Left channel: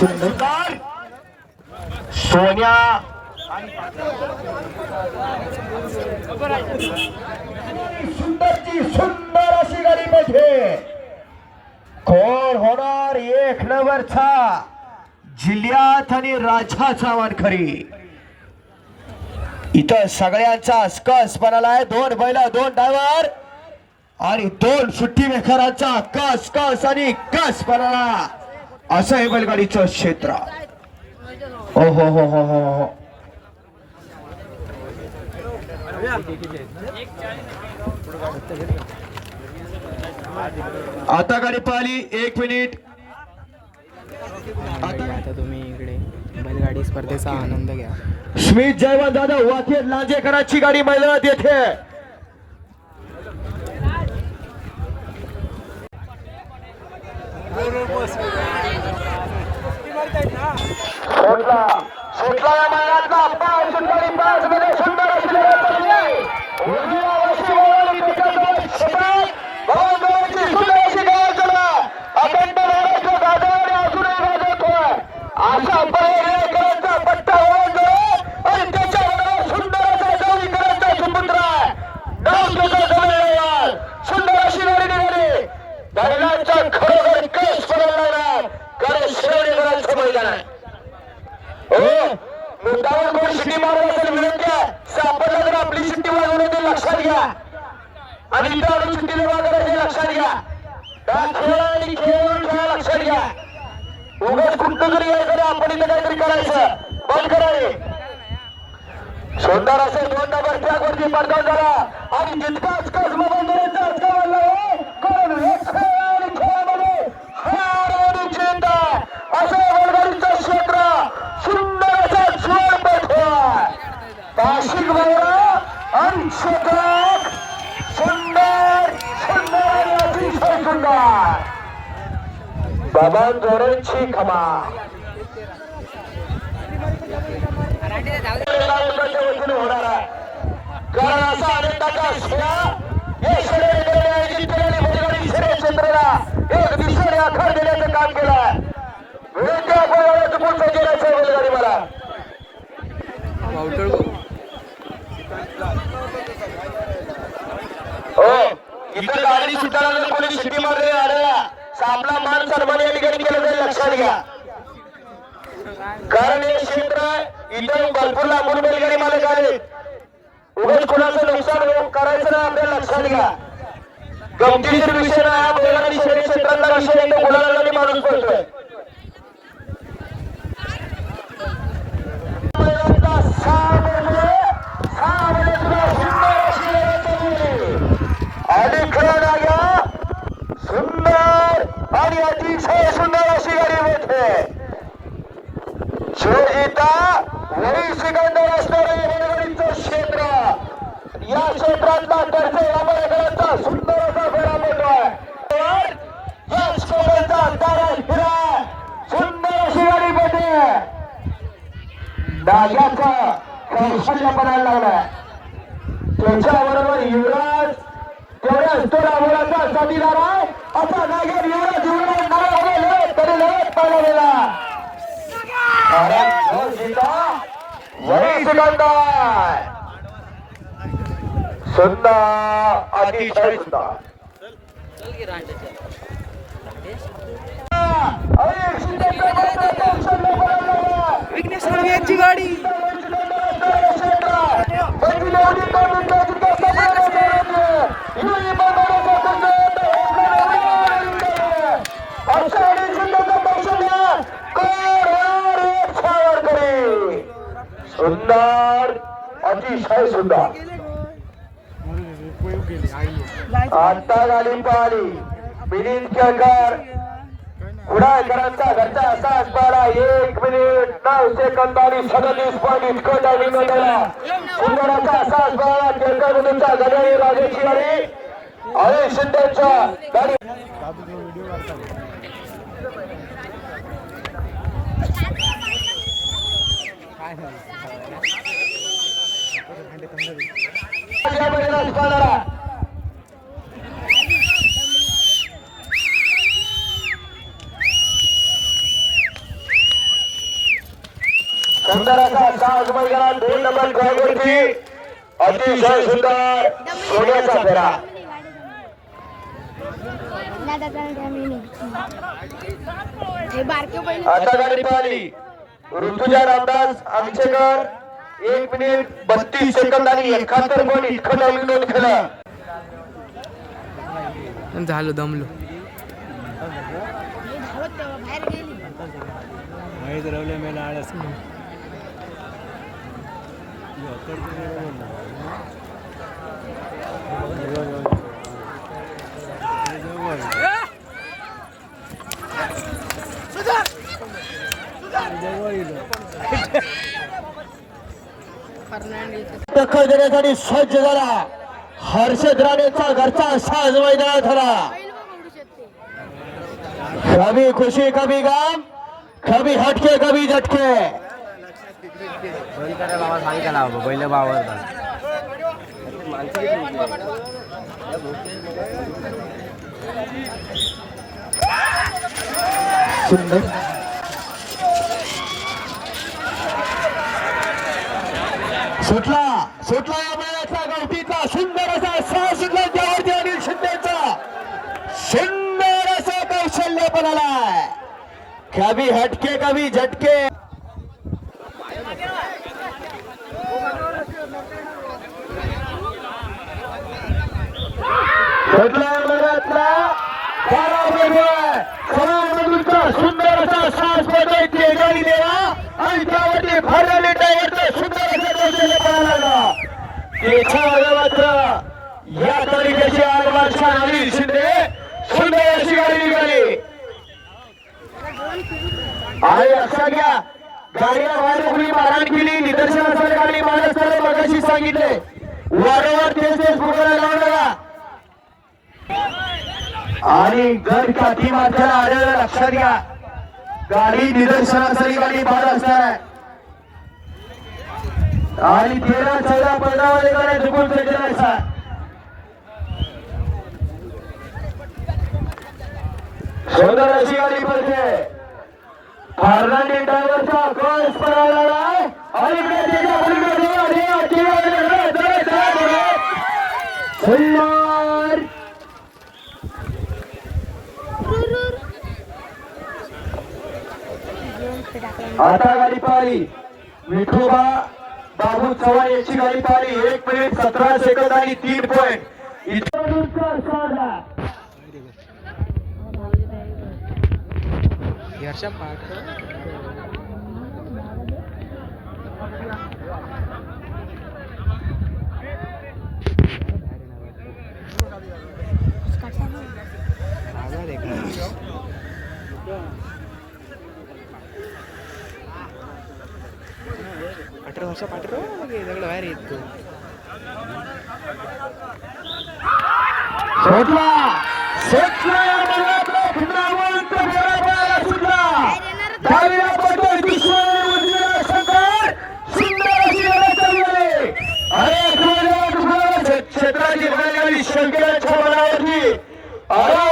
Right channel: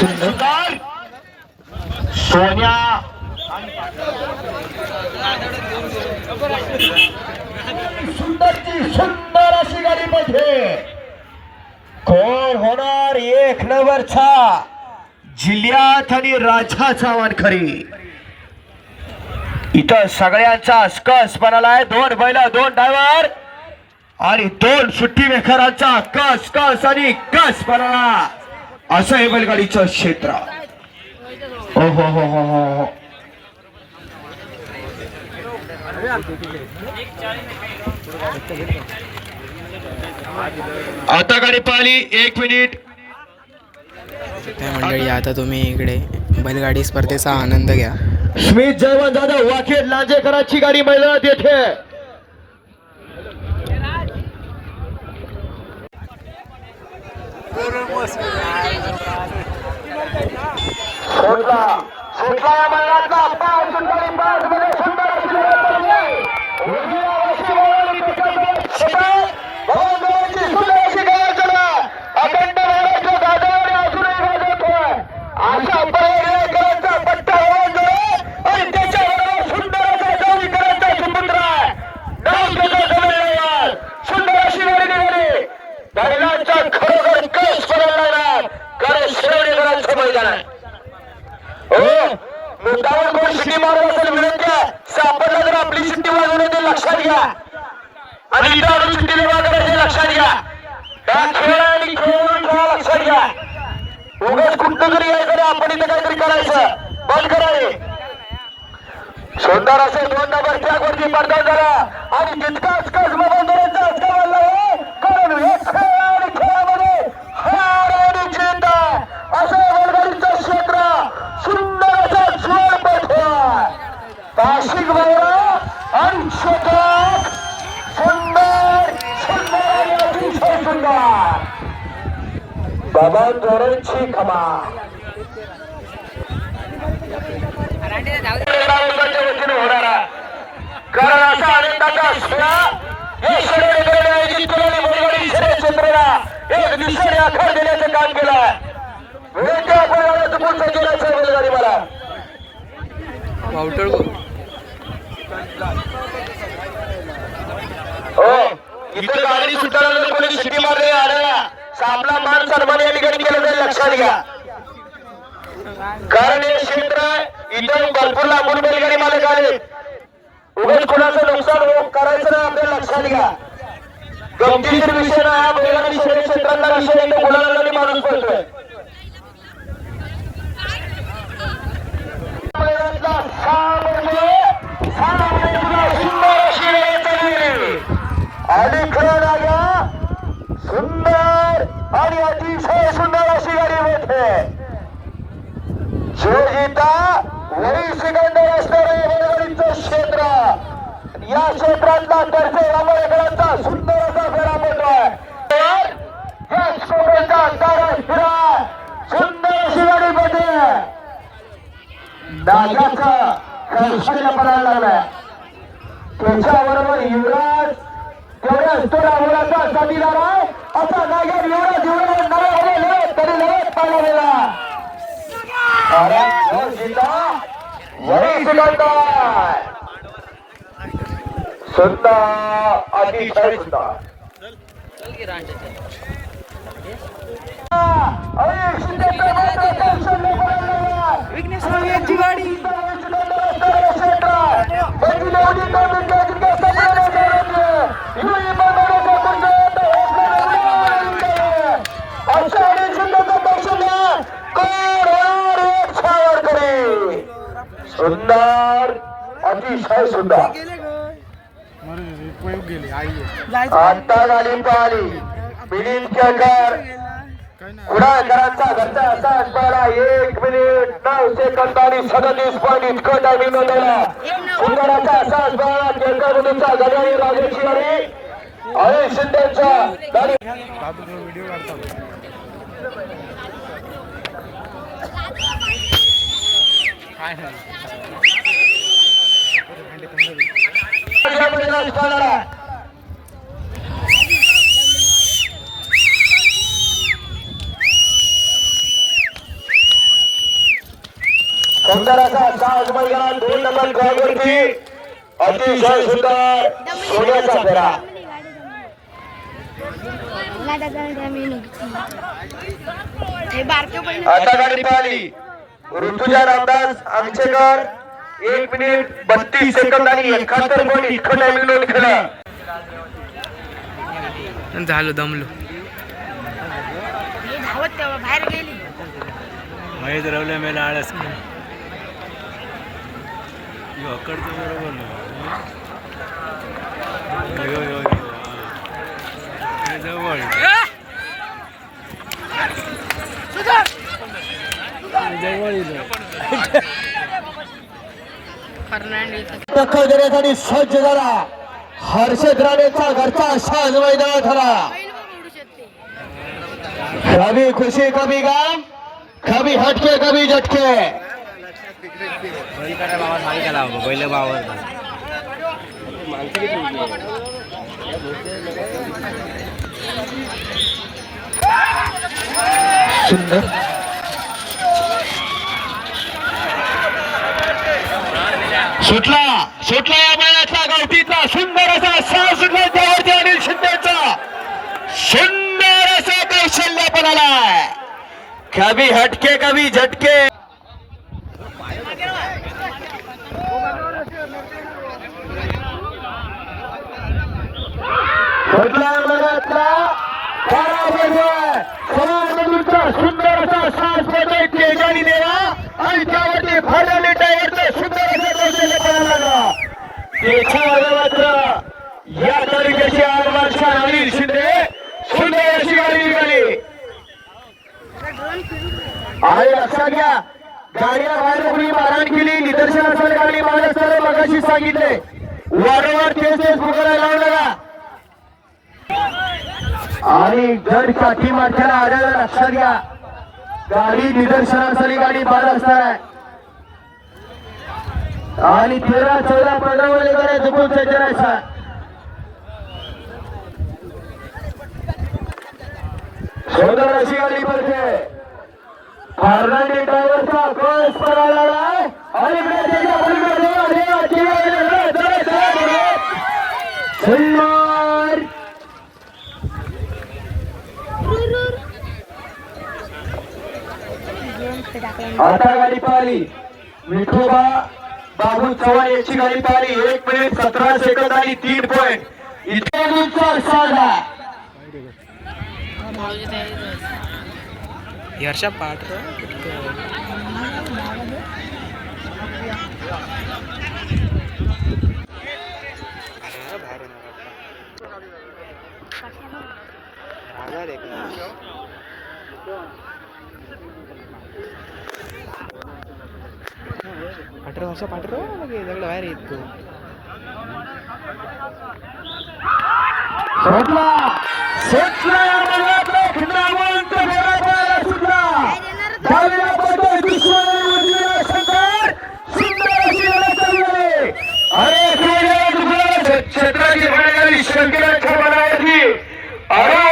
सुंदर. सोन्या. सुंदरची सुंदर अशी गाडीमध्ये कोण होणार? एक नंबरचा. जिल्ह्यात आणि राजाचा वानखरी इथं सगळ्यांचा कस बनालाय दोन बैल दोन ड्रायव्हर आणि दोन सुट्टी मेखरांचा कस कस आणि कस बनाला असं हे बैलगाडीचं क्षेत्र. ओ हो हो हो हो हो. आता गाडी पाहिली एक मिनिट. मंडळी आता तुम्ही इकडे बैलगाडी स्पर्धेचा आनंद घ्या. स्मित जयवंत जाधव वाकेर लांजेकरांची गाडी मैदानात येते सोडला सोडला या मैदानातला पाय सुंदर पाय सुंदर सुंदर अशी लढत चालली. उजव्या वशिल्यावर विकेट क्षेत्रात गोलंदाजाची सुंदर अशी तयार करा. अखंड लढाईचं गाजर अजूनही गाजवतोय. अशा पर्यायकरांचा पट्टा ओलांडतो आणि त्याच्याबरोबर सुंदर असा जावळीकरांचा सुपुत्र आहे. डाव त्याचा जवळ सुंदर अशी गाडी निघाली बैलांचा खरोखर कस पडणार कारण श्रेणीकरांचं मैदान आहे. हो मुद्दावर कोण शिटी मारत असेल विनंती आहे. सापडला तर आपली शिट्टी वाजवणे ते लक्षात घ्या. आणि इथं आणून शिट्टी निर्माण करायचे लक्षात घ्या. खेळ आहे आणि खेळ खेळा लक्षात घ्या. उगाच कुठं जरी यायचं आपण इथं काहीतरी करायचं. बंद करावे सुंदर असे दोन नंबर ट्रॅकवरती पडदा झाला. आणि तितकाच कस बंदराचा हक्क वाढला हो. कारण हे खेळ आणि खेळामध्ये हार असं वडगाडीचं क्षेत्र सुंदर असा जोर पडतोय ताशिक भैया आणि क्षेत्रात सुंदर सुंदर अतिशय सुंदर. बाबा जोरांची खमा. वतीने होणारा कारण असा आनंदाचा असला हे क्षेत्राला एक दिवसाने आकार देण्याचं काम केलं मला हो इथे गाडी सुटल्यानंतर कोणी आपला मान सर्वांनी या ठिकाणी केलं जाईल लक्षात घ्या कारण हे. क्षेत्र इथं भरपूर लागून बैलगाडी मालक आले उगाच कुणाचं नुकसान करायचं नाही आपल्याला लक्षात घ्या गमतीशीर विषय नाही हा बैलगाडी शरीर क्षेत्रातला विषय इथं गुलाला माणूस पडतोय बैलांचा सहा म्हणजे सहा म्हणजे सुंदर अशी लढत चालली. आणि खरं राजा सुंदर आणि अतिशय सुंदर अशी गाडी भेटते शिवजीता वरील सिकंदर असणारे रेल्वेचं क्षेत्र या क्षेत्रातला दर्शे रामरेकरांचा सुंदर असा फेरा पडतोय तर या स्कोपचा तारा हिरा सुंदर अशी गाडी पडते राजाचा कौशल्य पडायला लागलाय. त्याच्याबरोबर युवराज तेवढ्या तो राहुलाचा साथीदार आहे असा नागर युवराज युवराज नाव लढत तरी लढत पाहिला गेला. अरे सुंदर अतिशय सुंदर. अरे शिंदेचा मात्र कौशल्य पडायला लागला. विघ्नेश यांची गाडी सुंदर अतिशय सुंदर आता गाडी पाहिली मिलिंद केळकर कुडाळकरांचा घरचा असा असणारा एक मिनिट नऊ सेकंद आणि सदतीस पॉईंट इतकं टायमिंग नोंदवला मुलींचा गजारी राजेश गाडी या मैदानात पाहणारा सुंदर असा साज मैदान दोन नंबर गोलवरती अतिशय सुंदर सोन्याचा फेरा. बारके पहिले आता गाडी पाहिली. ऋतुजा रामदास आमचेकर एक मिनिट बत्तीस सेकंद आणि एकाहत्तर पॉईंट इतकं टायमिंग नोंद केलं झालो दमलो. धावत तेव्हा बाहेर गेली. महेश रवले मेला आळस. अकडचं बरोबर नाही. हे जवळ. टक्कर देण्यासाठी सज्ज झाला. हर्षद राणेचा घरचा साज मैदान झाला. कभी खुशी कभी गम कभी हटके कभी झटके. बैल करा बाबा सांग त्याला बैल बावर सुंदर सुटला सुटला या बैलाचा गावठीचा. सुंदर असा साह सुटला त्यावरती अनिल शिंदेचा. सुंदर असा कौशल्य पण आलाय. कभी हटके कभी झटके सुटला या बैलातला खरा बैल समाजमधूनचा सुंदर असा सास पडतोय तेजानी देवा. आणि त्यावरती फरणाने ड्रायव्हरचं सुंदर असं कौशल्य पडायला लागला. त्याच्या मात्र या तालुक्याचे आरबादशाह अनिल शिंदे सुंदर अशी गाडी निघाली. आहे लक्षात घ्या गाडीला बाहेर कोणी मारहाण केली. निदर्शनासाठी गाडी मारत मगाशी सांगितले. वारंवार तेच तेच पुकारायला लावू नका. आणि जर काठी माथ्याला आढळलं लक्षात घ्या गाडी निदर्शनासाठी गाडी बाद असणार आहे आणि तेरा चौदा पंधरा वाले गाड्या झुकून सज्ज राहायचा सुंदर अशी गाडी पडते फर्नांडी ड्रायव्हरचा कस करायला लागलाय अलीकडे त्याच्या पलीकडे सुंदर आता गाडी पाहिली. विठोबा बाबू चव्हाण यांची गाडी पाहिली. एक मिनिट सतरा सेकंद आणि तीन पॉईंट इथे साधा. हर्षा पाठ. आजार आहे का पाठर भाषा पाठर सगळं बाहेर येत तू सुटला सुटला या मैदानातला खिंडावंत फेरा पाहायला सुटला डावीला पडतोय विश्वविजेता शंकर सुंदर अशी लढत चालू आहे. अरे खेळाडू क्षेत्राची शंकराच्या मनावरती अरे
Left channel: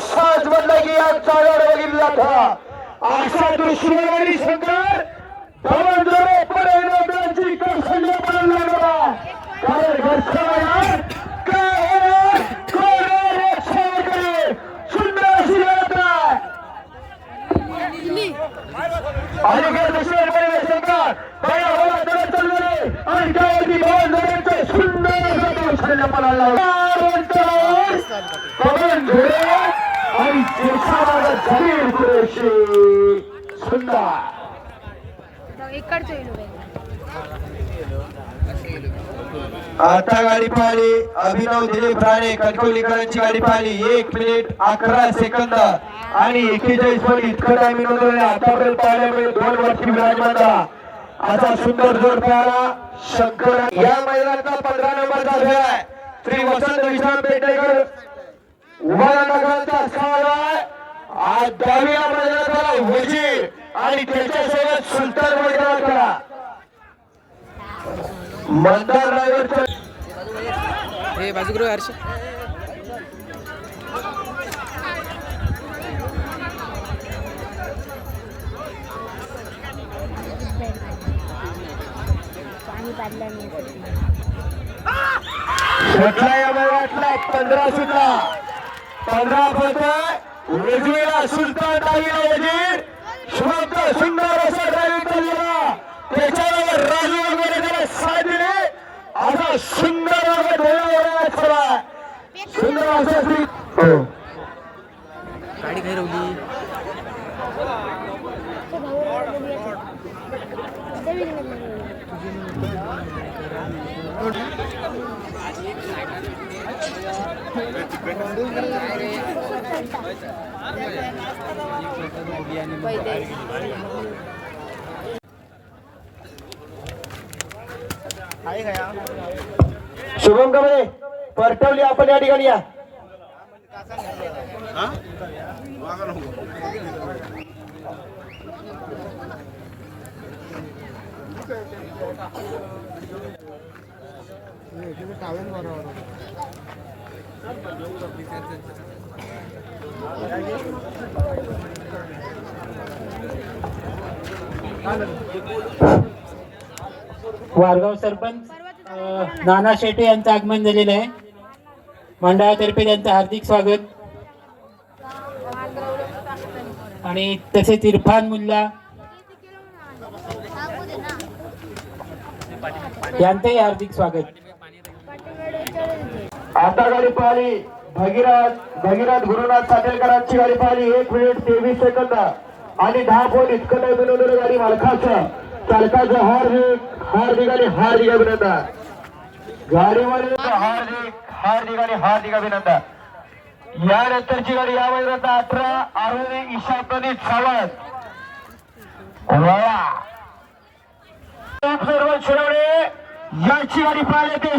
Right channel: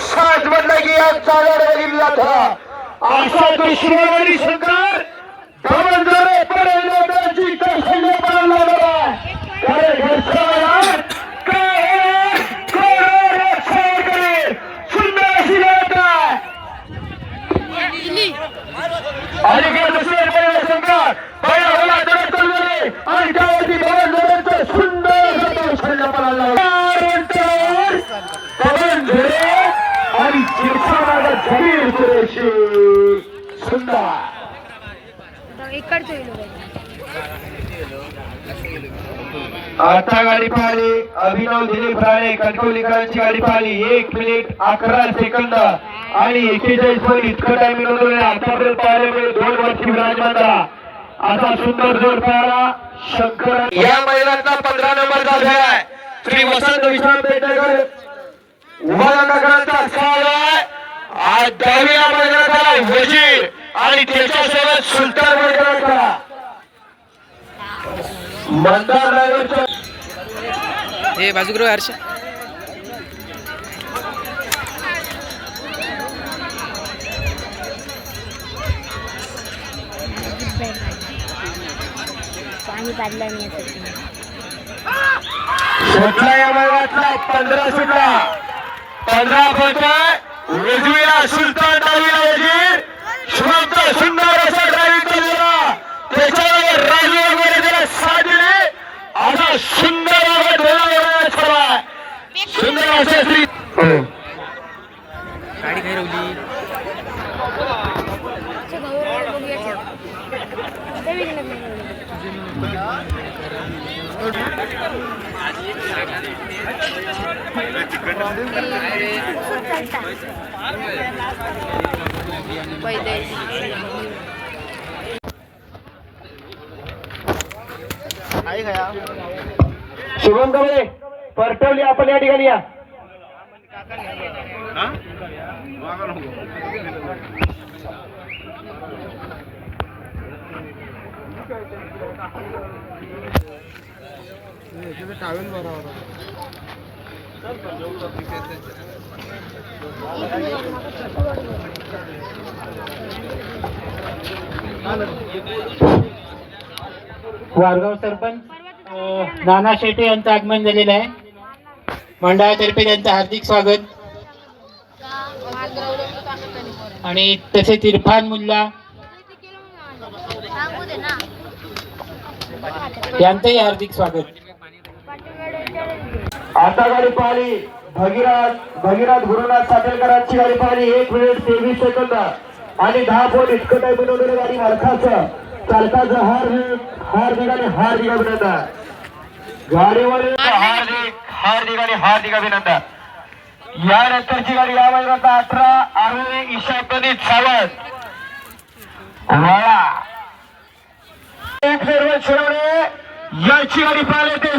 सात बंदगी या चालवलेली जाता असा शंकर धवंजरे पडे लोकांची कौशल्य पडायला लागला अरे घरच्या मैदानात काय काय रक्षण करे सुंदर अशी लढत आहे आणि काय दुसरे पहिला संघात पहिला होला दरड चाललेले आणि त्यावरती दोन दरडचं सुंदर असं कौशल्य पडायला लागलं. अंतरावर पवन झुरे आणि वीर जमीर कुरेशी सुंदर. आता गाडी पाहिली. अभिनव दिलीप राणे कणकवलीकरांची गाडी पाहिली. एक मिनिट अकरा सेकंद आणि एकेचाळीस पण इतकं टाइम नोंदवलं आतापर्यंत पाहायला मिळेल दोन वर्षी विराजमान असा सुंदर जोड पाहिला. शंकर या महिलांचा पंधरा नंबरचा फेर आहे. श्री वसंत विश्राम पेटेकर पेटकर उभारनगरांचा सवाल आहे. आज दहाव्या मैदानात आला वजीर आणि त्याच्यासोबत सुलतान मैदानात आला मंदार ड्रायव्हरच्या ए बाजूगृह हर्षा. सुटला या मैदानातला पंधरा सुटला. पंधरा फट उजवीला सुलतान डावीला वजीर शुभमचा सुंदर असा ड्रायव्हिंग चालवला त्याच्यावर राजू वगैरे त्याला साथ दिली. असा सुंदर वागत धोरण सुंदर असे श्री गाडी काही रवली? भाऊ शुभम कमळे परटवली आपण या ठिकाणी या. वारगाव सरपंच नाना शेटे यांचं आगमन झालेलं आहे. मंडळातर्फे त्यांचं हार्दिक स्वागत. आणि तसेच इरफान मुल्ला यांचंही हार्दिक स्वागत. आता गाडी पाहिली. भगीरथ भगीरथ गुरुनाथ सातेलकरांची गाडी पाहिली. एक मिनिट तेवीस सेकंद आणि दहा पॉईंट इतकं काही बनवलेलं गाडी मालकाचं चालकाचं हार्दिक हार्दिक आणि हार्दिक अभिनंदन. गाडीवर हार्दिक हार्दिक आणि हार्दिक अभिनंदन. यानंतरची गाडी या मैदानात अठरा आरोने ईशा प्रदीप सावंत. वळा एक सर्व शिरवणे याची गाडी पाहिले ते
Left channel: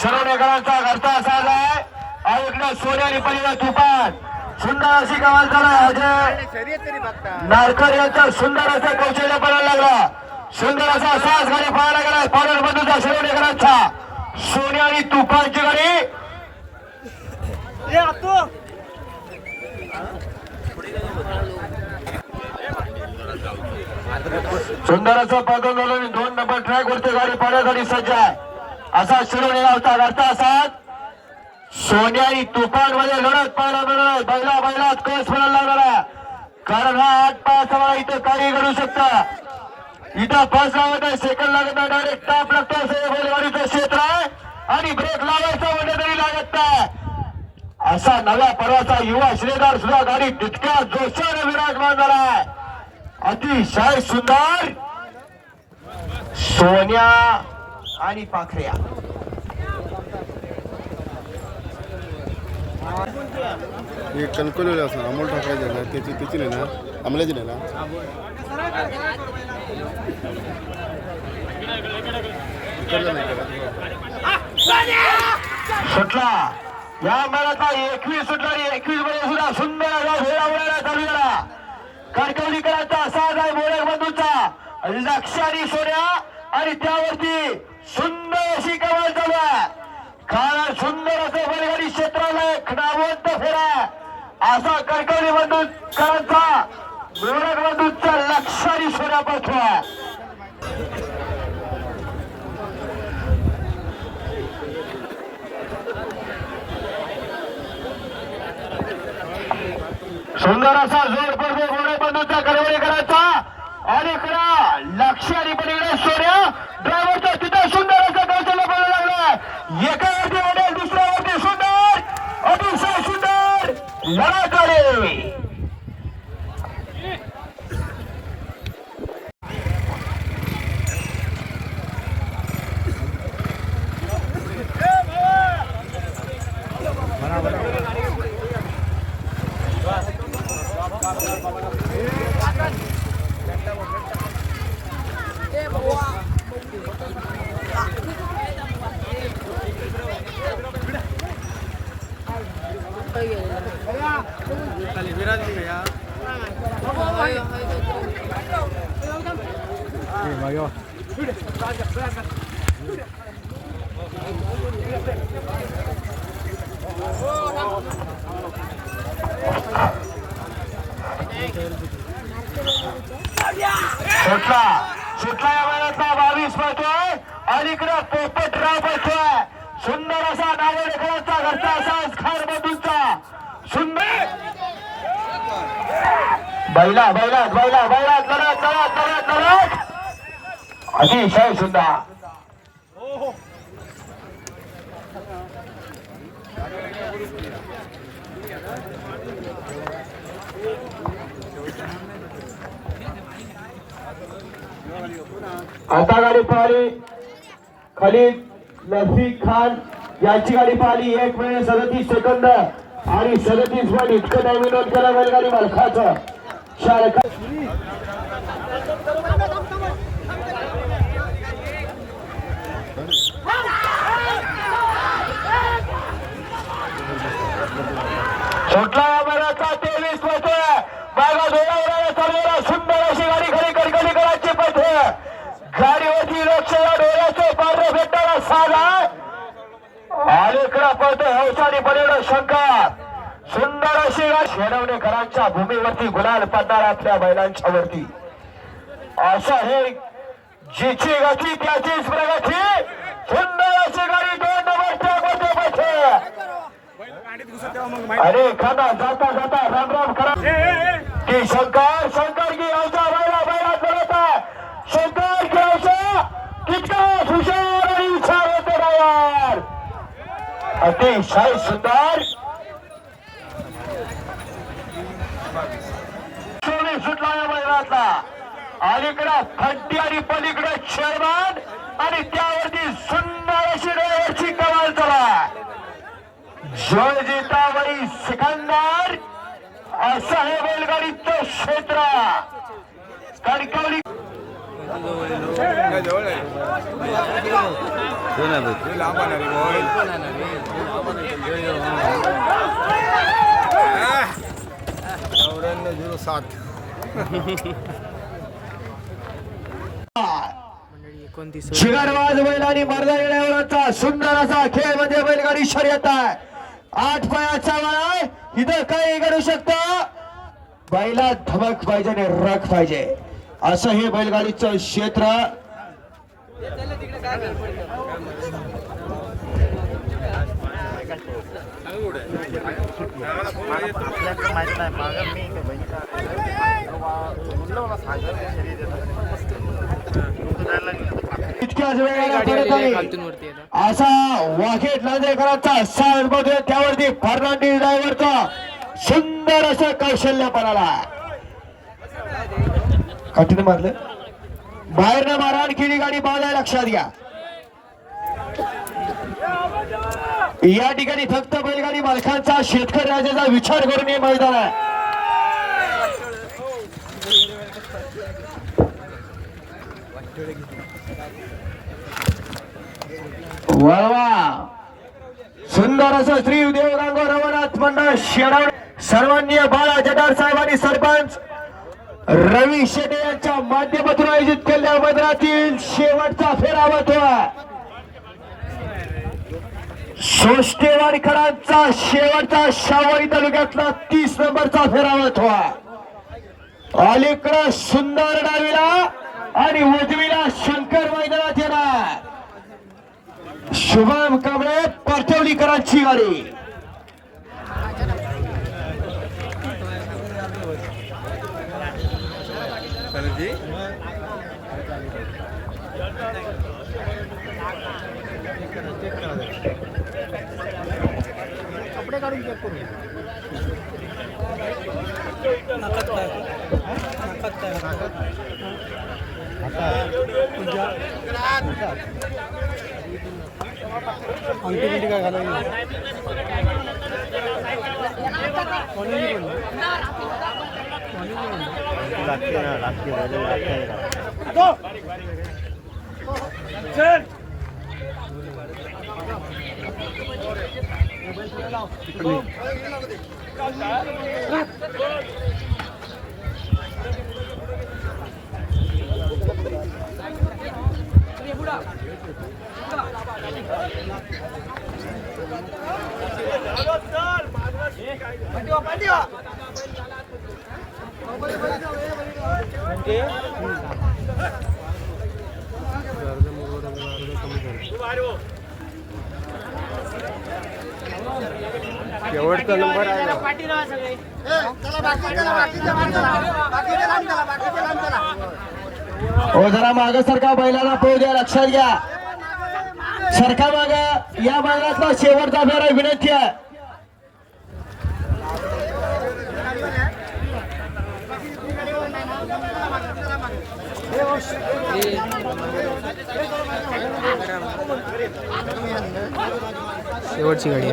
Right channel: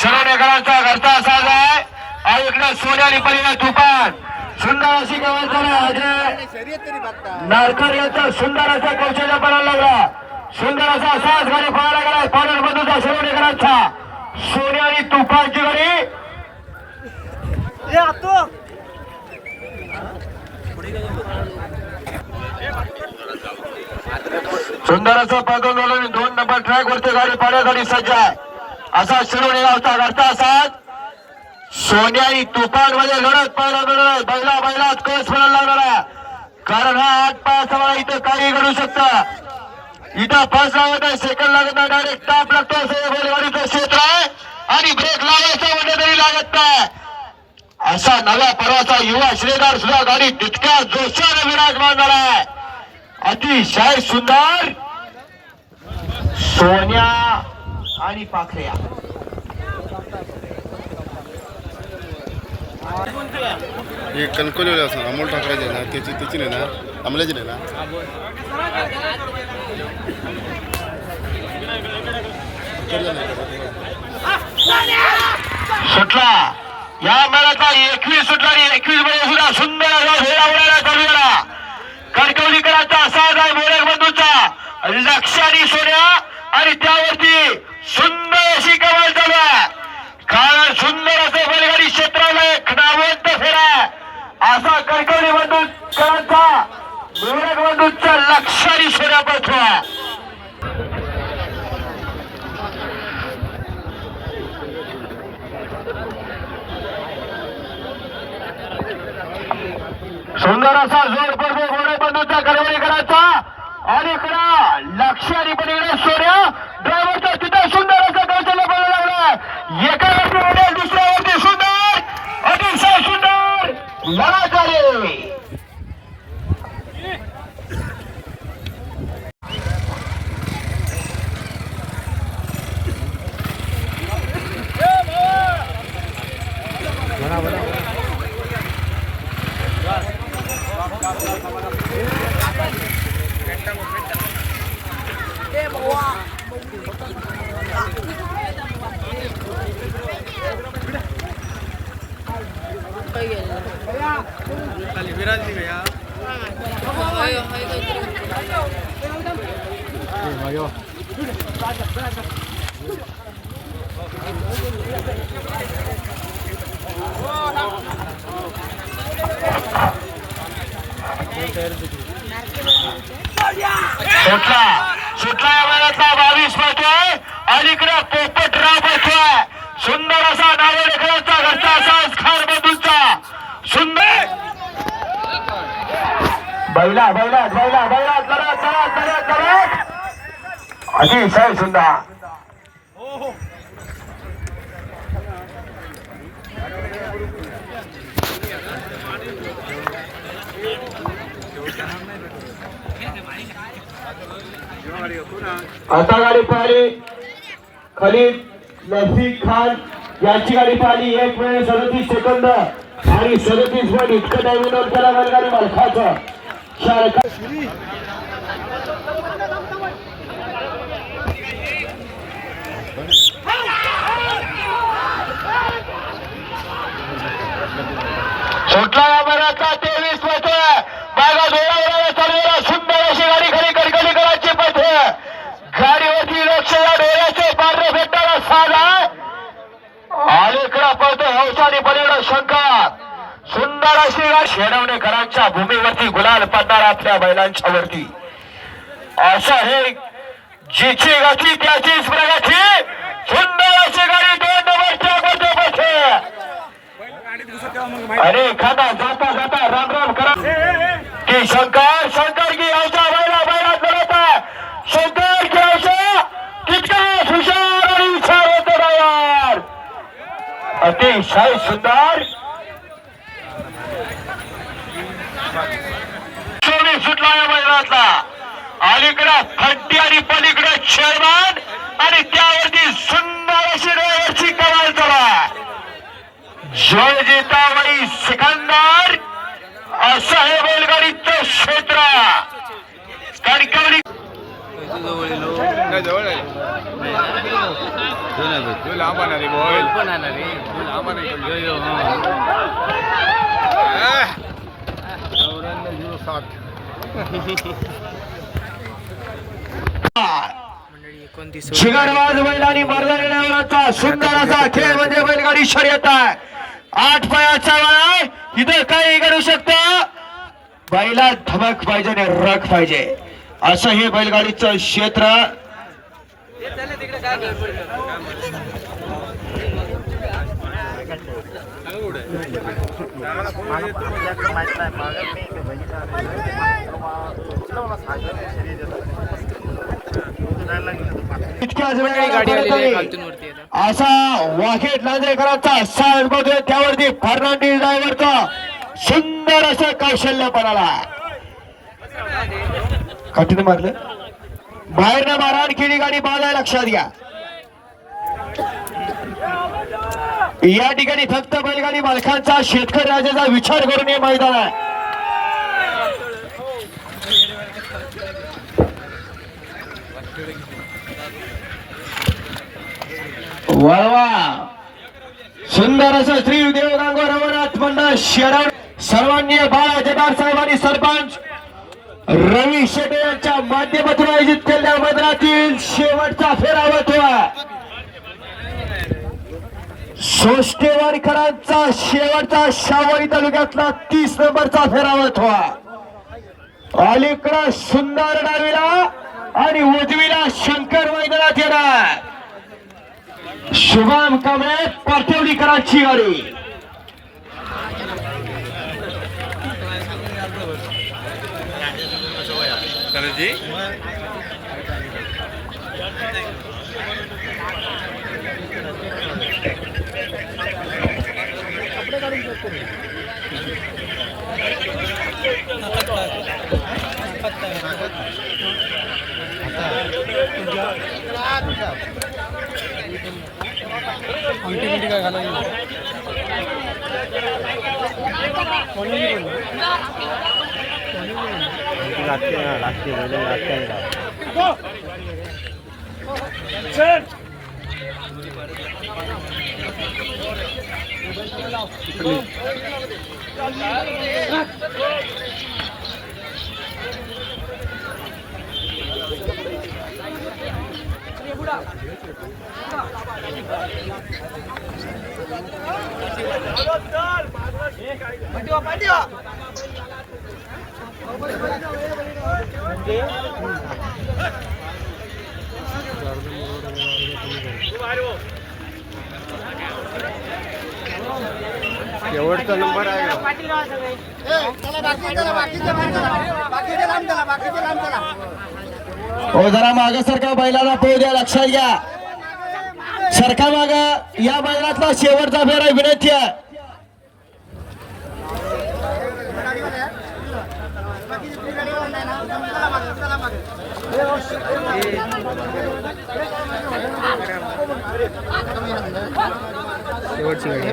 शरणेकरांचा घरचा असाच आहे. आणि इकडे सोन्याली पलीला तुफान. सुंदर अशी कमाल नारकर यांचा सुंदर असा कौशल्य पडायला लागला. सुंदर असा असाच गाडी पळायला गेला. पाडण बंधूचा शिरोडेकरांचा सोन्या तुफानची गाडी सुंदर असं पागल दोन नंबर ट्रॅक वरती गाडी पाण्यासाठी सज्ज आहे. असा शिरोडे होता. करता असाच सोन्याई तुफानमध्ये लढत पाहायला मिळणार बैला बैलात कस पडायला लागणार आहे. कारण हा आठ पाच इथं काही घडू शकता. इथं फर्स्ट लागत आहे सेकंड लागत नाही डायरेक्ट टाप लागतो बैलगाडीचं क्षेत्र आहे. आणि ब्रेक लावायचा म्हणजे तरी लागत नाही. असा नव्या पर्वाचा युवा श्रीदार सुद्धा गाडी तितक्या जोशाने विराजमान झाला आहे अतिशय सुंदर सोन्या आणि पाखऱ्या. हे कणकवलीला असं अमोल ठाकरेचे ना त्याची त्याची नाही ना अमल्याची नाही ना? सुटला. या मेळ्याचा एकवीस सुटला आणि एकवीसमध्ये सुद्धा सुंदर असा घोडा उडायला चालू झाला कणकवलीकरांचा असा आहे मोरेक बंधूचा. लक्षारी सोन्या आणि त्यावरती सुंदर अशी कमाल चालू आहे. कारण सुंदर असं बैलगाडी क्षेत्राला एक फेरा. असा कणकवली बंधूकरांचा मोरेक बंधूचा लक्ष आणि सोन्या पळतो सुंदर असा जोड पडतो गोरे बंधूचा गडबडी करायचा. आणि खरा लक्ष आणि पलीकडे सूर्य ड्रायव्हरचा तिथे सुंदर असं कौशल्य पडायला लागलाय. एका व्यक्तीमध्ये दुसऱ्या व्यक्ती सुंदर अतिशय सुंदर. लढाकारे सुटला सुटला या महिन्यातला बावीस पळतोय अलीकडे पोपटराव पळतोय सुंदर असा नावडेकरांचा घरचा असा खार बंधूंचा सुंदर. बैला बैला बैला बैला करत करत करत करत अतिशय सुंदर आता गाडी पाहिली. खलीद लसीक खान यांची गाडी पाहिली. एक वेळ सदतीस सेकंद आणि सदतीस पण इतकं नवीन विनोद केला बैलगाडी मालकाचं. शारखा सुटला या बऱ्याचा तेवीस पथे मागा डोळ्यावर चाललेला सुंदर अशी गाडी खरी कडकडी करायची पथे गाडीवरती लक्ष डोळ्याचे पांढरे भेटताना साधा. अलीकडा पळतो हौसानी पलीकडे शंका. सुंदर अशी गाडी शेडवणेकरांच्या भूमीवरती गुलाल पडणार आपल्या बैलांच्या वरती असं हे जिची गती त्याचीच प्रगती. सुंदर अशी गाडी दोन नंबरच्या मध्ये बसते अरे खाना जाता जाता राम राम करा. की शंकर शंकर की याच्या बैला बैला करत आहे. शंकर की याच्या तितका हुशार आणि हुशार होतो ना यार अतिशय सुंदर. सोनी सुटला या मैदानातला. अलीकडं खड्डी आणि पलीकडे शेरवान आणि त्यावरती सुंदर अशी डोळ्याची कमाल चला जय जितावळी सिकंदर असं हे बैलगाडीचं क्षेत्र. तो लांब आणणार मंडळी एकोणतीस शिगरवाज बैल आणि मर्दानीचा सुंदर असा खेळ म्हणजे बैलगाडी शर्यत आहे. आठ पायाचा आहे इथं काही करू शकतो? बैला धमक पाहिजे आणि रख पाहिजे. असं हे बैलगाडीचं क्षेत्र. माहीत नाही असा वाघेट नांदेकरांचा त्यावरती फर्नांडिस ड्रायव्हरचा सुंदर असं कौशल्य पणाला मारलं. बाहेर ना मारा आणखी गाडी बाजा लक्षात घ्या. या ठिकाणी फक्त बैलगाडी मालकांचा शेतकरी राजाचा विचार करून हे मैदान आहे. वळवा. सुंदर असं श्री देवरांग रमनाथ मंडळ शेडाव. सर्वांनी बाळा जटार साहेबांनी सरपंच रवी शेटे यांच्या माध्यमातून आयोजित केलेल्या मैदानातील शेवटचा फेरा होतोय. सोष्टेवाडकरांचा शेवटचा शावळी तालुक्यातला तीस नंबरचा फेरावा होतोय. अलीकडं सुंदर डावीला आणि उजवीला शंकर मैदानात येणार. शुभम कांबळे पाठवलीकरांची गाडी. कपडे काढून अंगठी बिंटी काय घालायला Thank you. एवढचा नंबर आहे. जरा माग पोहू द्या लक्षात घ्या. सरका माग. या मैदानातला शेवटचा फेर आहे विनंती आहे. शेवटची गाडी आहे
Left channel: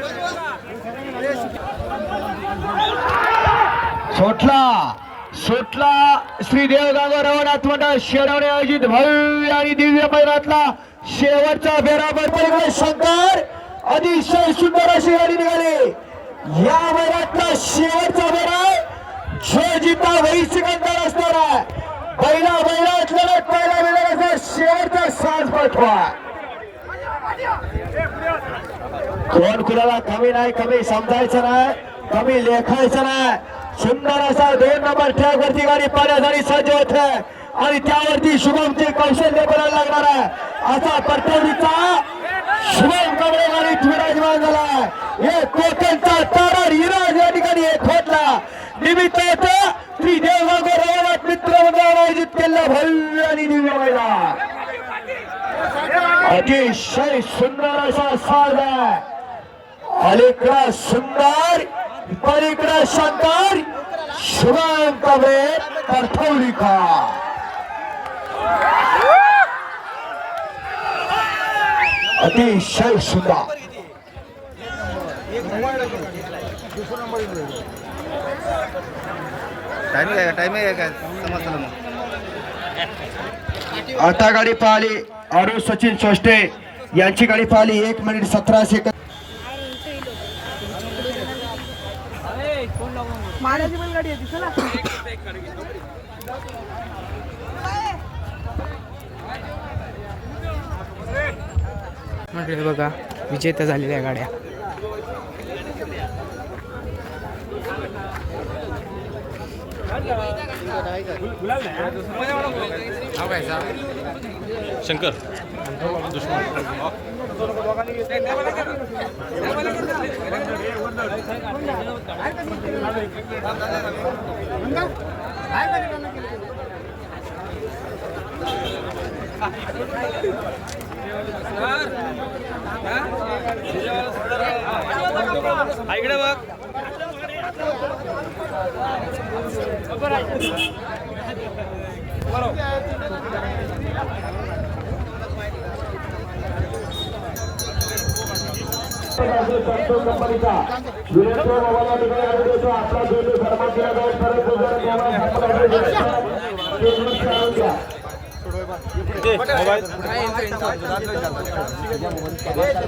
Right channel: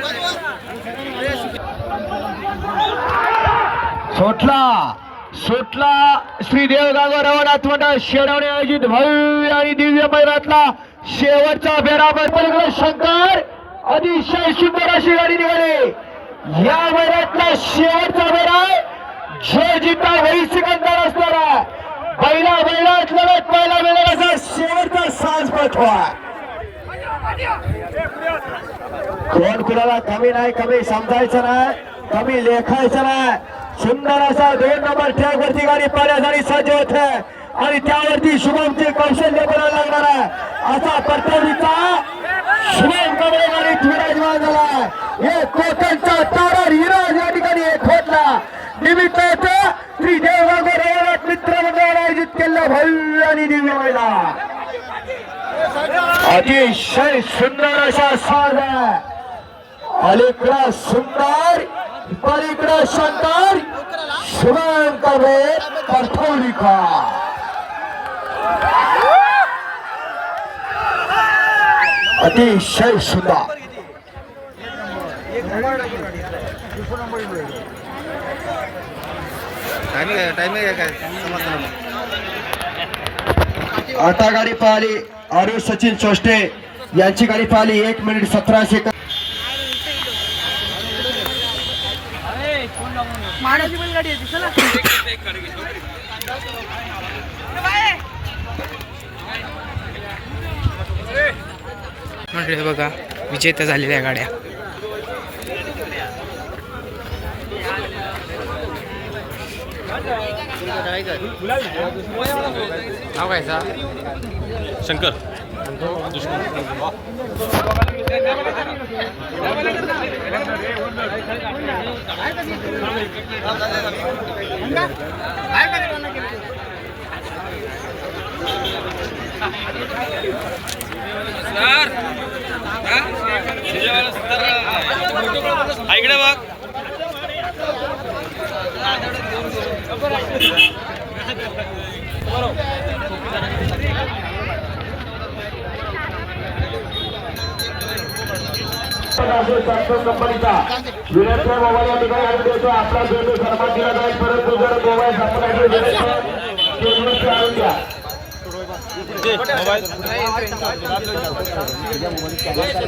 सुटला सुटला श्री देवगाव रवनाथ मंडळ शेडवणे आयोजित भव्य आणि दिव्य मैदानातला शेवटचा फेरा पलीकडे शंकर अतिशय सुंदर अशी गाडी निघाली. या मैदानातला शेवटचा फेरा जो जिता वही सिकंदर असणार आहे. बैला बैलात लढत पाहायला मिळेल असा शेवटचा साज पाठवा. कोण कुणाला कमी नाही कमी समजायचं नाही कमी लेखायचं नाही. सुंदर असा दोन नंबर ट्रॅक वरती गाडी पाण्यासाठी सज्ज होत आणि त्यावरती शुभमचे कौशल्य बनायला लागणार आहे. असा परतवडीचा शुभम कमळे गाडी विराजमान झाला हे कोकणचा तारा हिराज या ठिकाणी एक होतला. निमित्त होतं. श्री देवगाव रवनाथ मित्र मंडळाने आयोजित केलेला भव्य आणि दिव्य मैदान. अतिशय सुंदर असा साज आहे अलीकडा सुंदर पलीकडा शंकर शुभम कवे परथौलिका अतिशय सुंदर. टाइम टाइम काय? समजलं आता गाडी पाहिली अरुण सचिन सोष्टे यांची गाडी पाहिली एक मिनिट सतरा सेकंद मंडळी बघा विजेत्या झालेल्या गाड्या नाव काय सर? शंकर इकडे बघ कंपनीचा विनंती मोबाईल या ठिकाणी देतो आपला सन्मान दिला जाईल परंतु जर मोबाईल संपला आणून द्या मोबाईल